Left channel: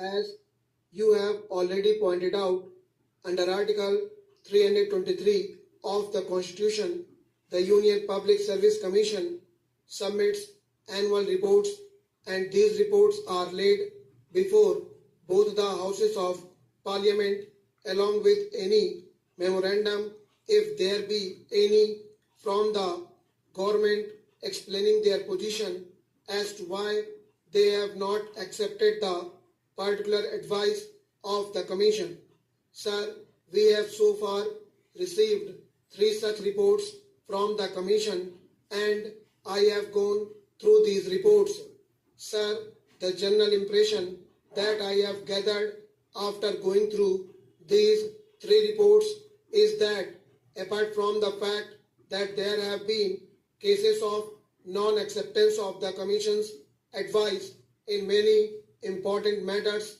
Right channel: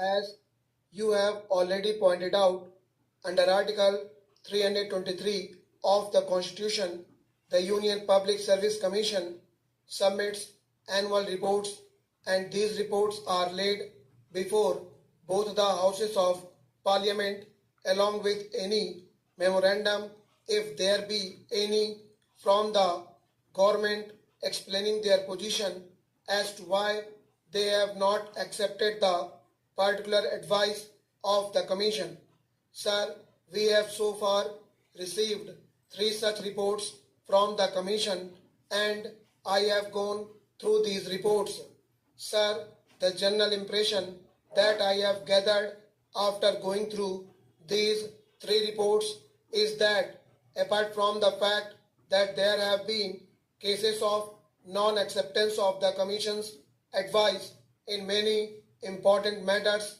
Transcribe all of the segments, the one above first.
As you have already pointed out, under Article 323 of the Constitution, the Union Public Service Commission submits annual reports, and these reports are laid before both the Houses of Parliament along with any memorandum, if there be any, from the government explaining their position as to why they have not accepted the particular advice of the Commission. Sir, we have so far received 3 such reports from the Commission, and I have gone through these reports. Sir, the general impression that I have gathered after going through these 3 reports is that apart from the fact that there have been cases of non-acceptance of the Commission's advice in many important matters,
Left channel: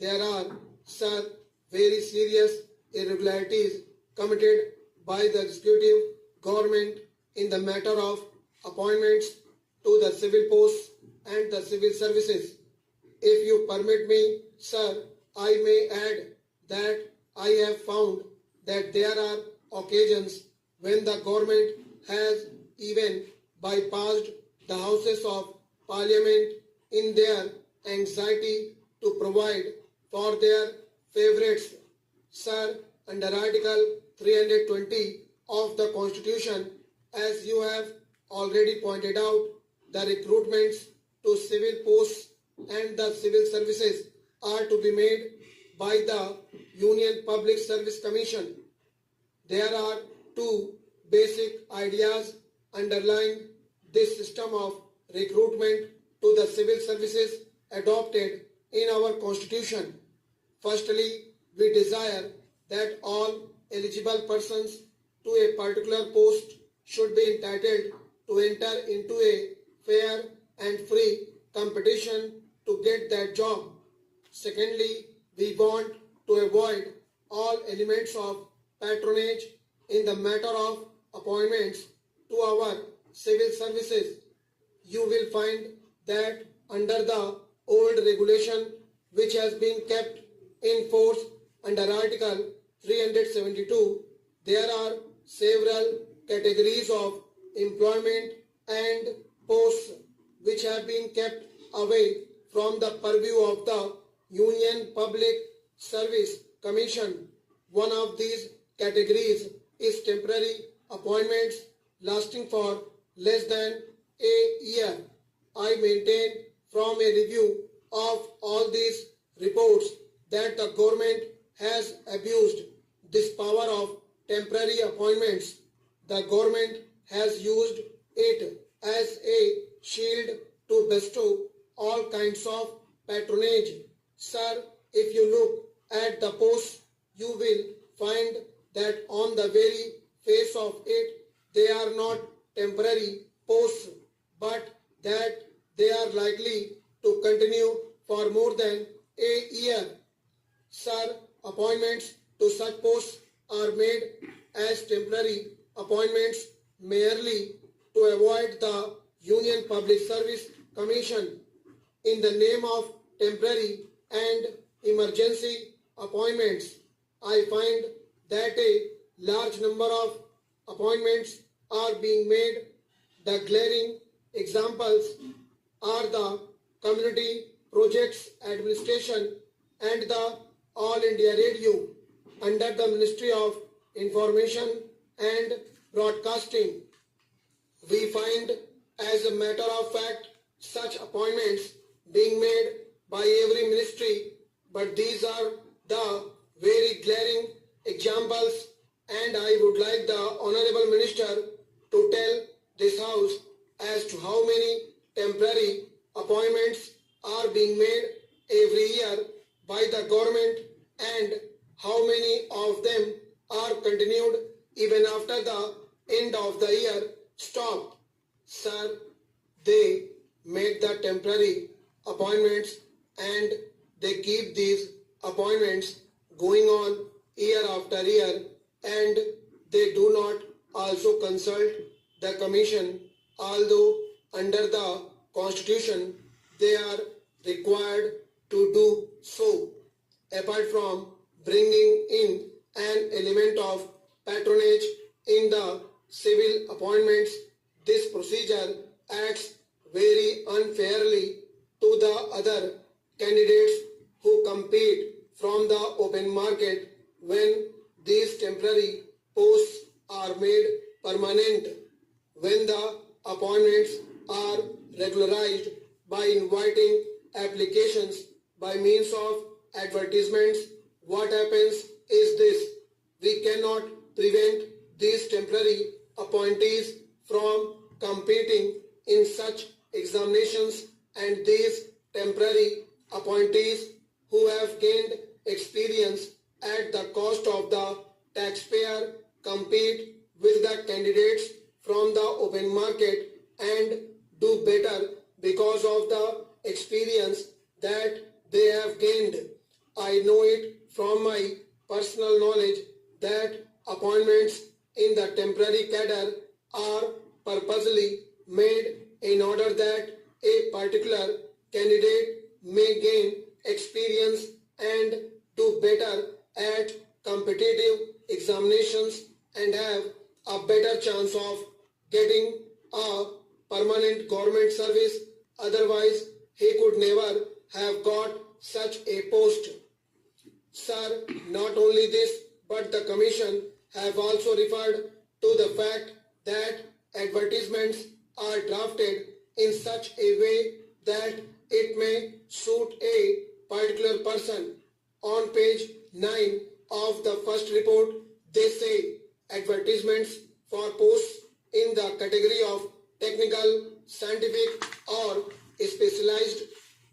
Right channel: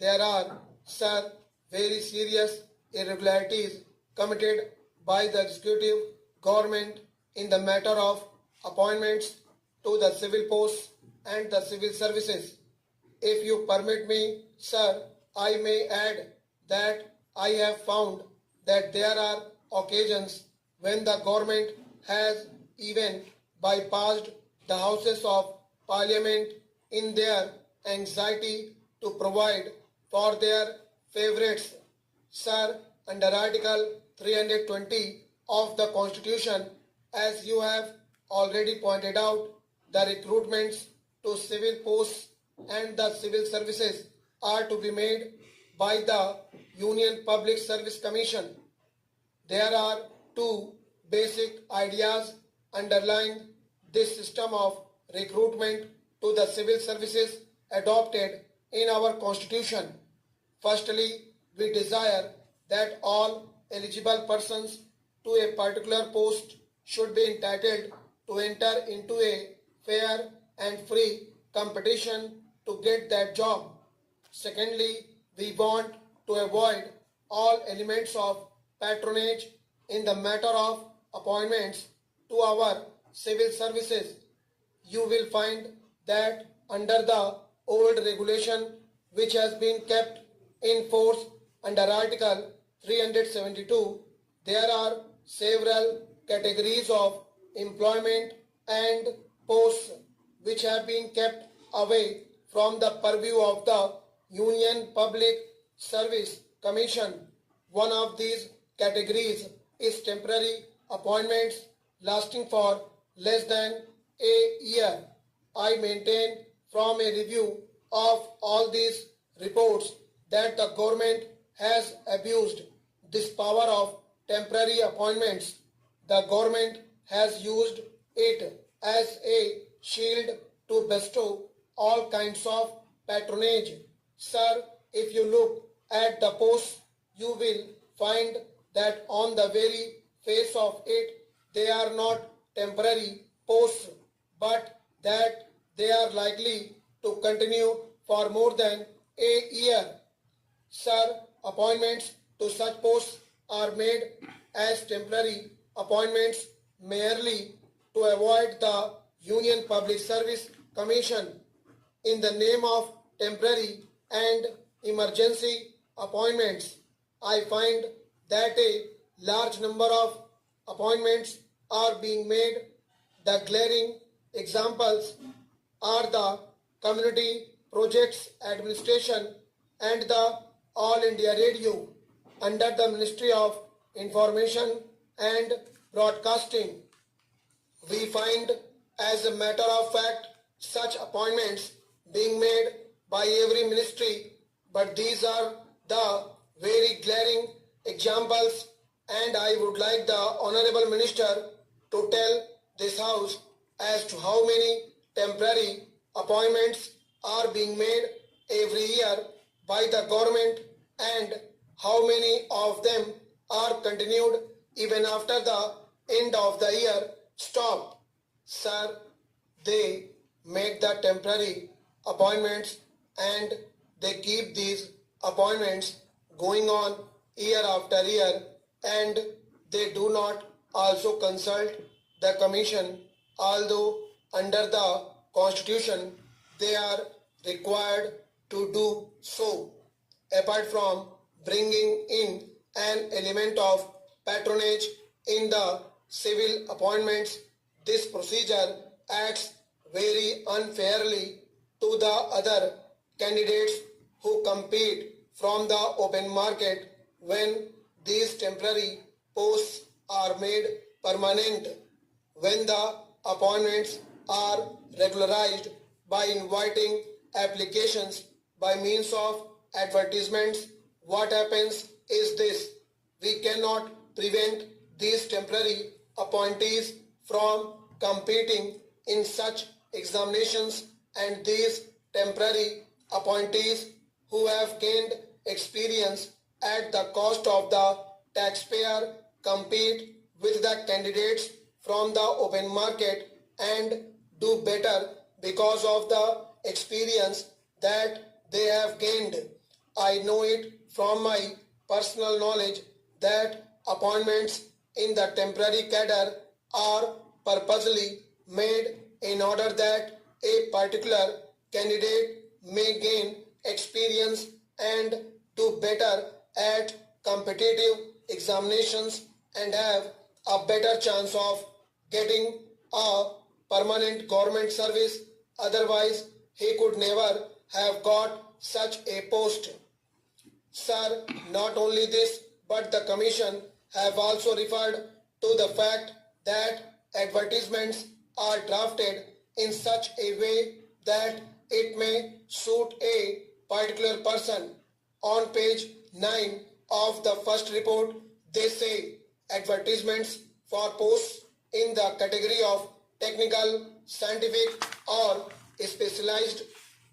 there are, sir, very serious irregularities committed by the executive government in the matter of appointments to the civil posts and the civil services. If you permit me, sir, I may add that I have found that there are occasions when the government has even bypassed the Houses of Parliament in their anxiety to provide for their favorites. Sir, under Article 320 of the Constitution, as you have already pointed out, the recruitments to civil posts and the civil services are to be made by the Union Public Service Commission. There are 2 basic ideas underlying this system of recruitment to the civil services adopted in our Constitution. Firstly, we desire that all eligible persons to a particular post should be entitled to enter into a fair and free competition to get that job. Secondly, we want to avoid all elements of patronage in the matter of appointments to our civil services. You will find that under the old regulation which has been kept in force under Article 372, there are several categories of employment and posts which have been kept away from the purview of the Union Public Service Commission. One of these categories is temporary appointments lasting for less than a year. I maintain from a review of all these reports that the government has abused this power of temporary appointments. The government has used it as a shield to bestow all kinds of patronage. Sir, if you look at the posts, you will find that on the very face of it, they are not temporary posts, but that they are likely to continue for more than a year. Sir, appointments to such posts are made as temporary appointments merely to avoid the Union Public Service Commission. In the name of temporary and emergency appointments, I find that a large number of appointments are being made. The glaring examples are the Community Projects Administration and the All India Radio under the Ministry of Information and Broadcasting. We find, as a matter of fact, such appointments being made by every ministry, but these are the very glaring examples, and I would like the Honorable Minister to tell this House as to how many temporary appointments are being made every year by the government and how many of them are continued even after the end of the year stop. Sir, they make the temporary appointments and they keep these appointments going on year after year, and they do not also consult the commission, although under the Constitution they are required to do so. Apart from bringing in an element of patronage in the civil appointments, this procedure acts very unfairly to the other candidates who compete from the open market when these temporary posts are made permanent, when the appointments are regularized by inviting applications by means of advertisements. What happens is this: we cannot prevent these temporary appointees from competing in such examinations, and these temporary appointees who have gained experience at the cost of the taxpayer compete with the candidates from the open market and do better because of the experience that they have gained. I know it from my personal knowledge that appointments in the temporary cadre are purposely made in order that a particular candidate may gain experience and do better at competitive examinations and have a better chance of getting a permanent government service. Otherwise, he could never have got such a post. Sir, not only this, but the Commission have also referred to the fact that advertisements are drafted in such a way that it may suit a particular person. On page 9 of the first report, they say advertisements for posts in the category of technical, scientific or specialized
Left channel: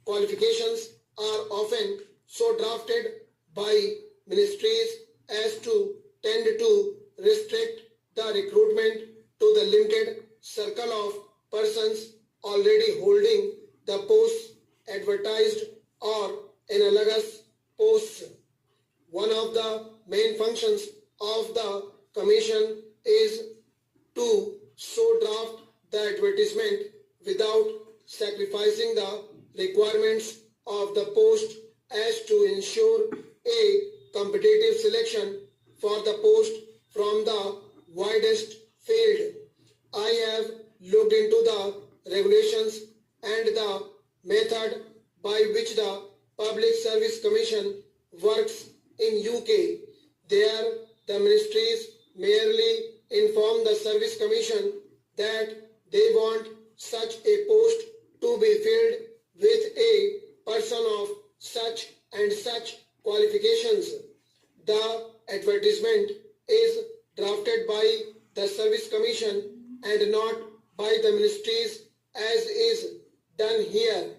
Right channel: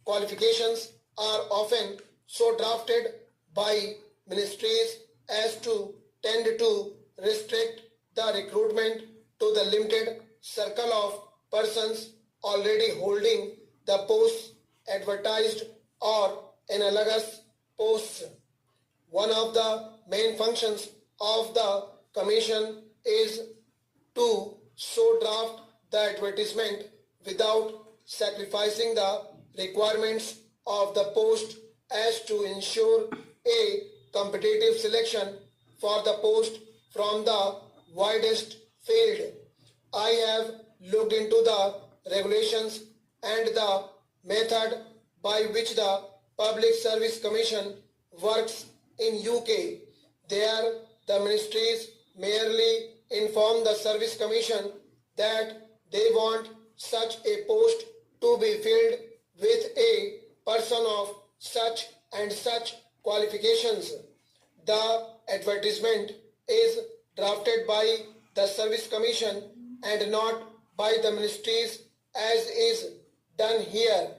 qualifications are often so drafted by ministries as to tend to restrict the recruitment to the limited circle of persons already holding the posts advertised or analogous posts. One of the main functions of the Commission is to so draft the advertisement without sacrificing the requirements of the post as to ensure a competitive selection for the post from the widest field. I have looked into the regulations and the method by which the Public Service Commission works in UK. There, the ministries merely inform the Service Commission that they want such a post to be filled with a person of such and such qualifications. The advertisement is drafted by the Service Commission and not by the ministries as is done here.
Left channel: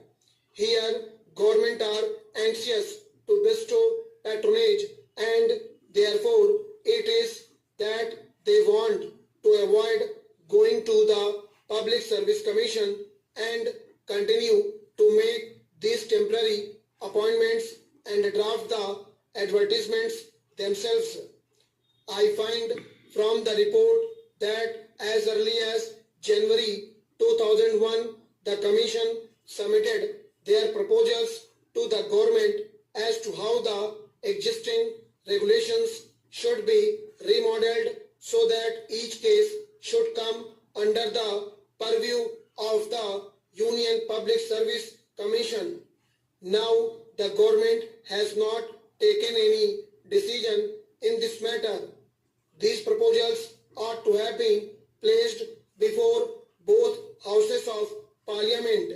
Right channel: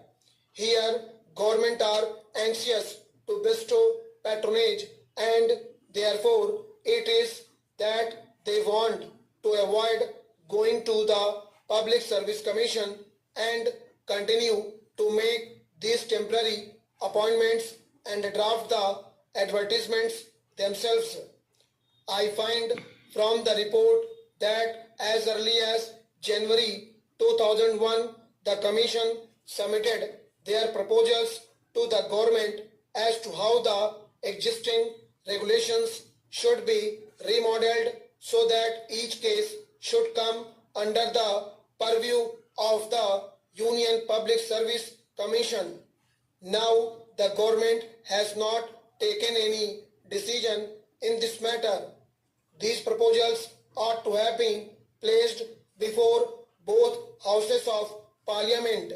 Here, government are anxious to bestow patronage and therefore it is that they want to avoid going to the Public Service Commission and continue to make these temporary appointments and draft the advertisements themselves. I find from the report that as early as January 2001, the Commission submitted their proposals to the government as to how the existing regulations should be remodeled so that each case should come under the purview of the Union Public Service Commission. Now the government has not taken any decision in this matter. These proposals ought to have been placed before both houses of Parliament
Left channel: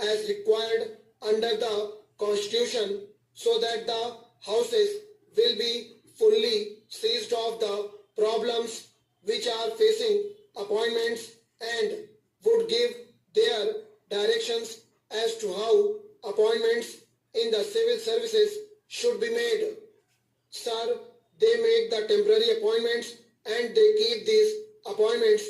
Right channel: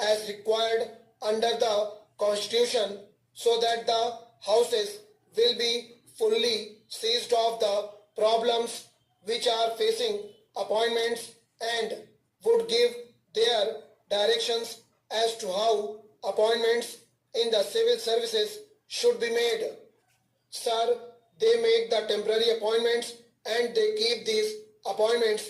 as required under the Constitution so that the houses will be fully seized of the problems which are facing appointments and would give their directions as to how appointments in the civil services should be made. Sir, they make the temporary appointments and they keep these appointments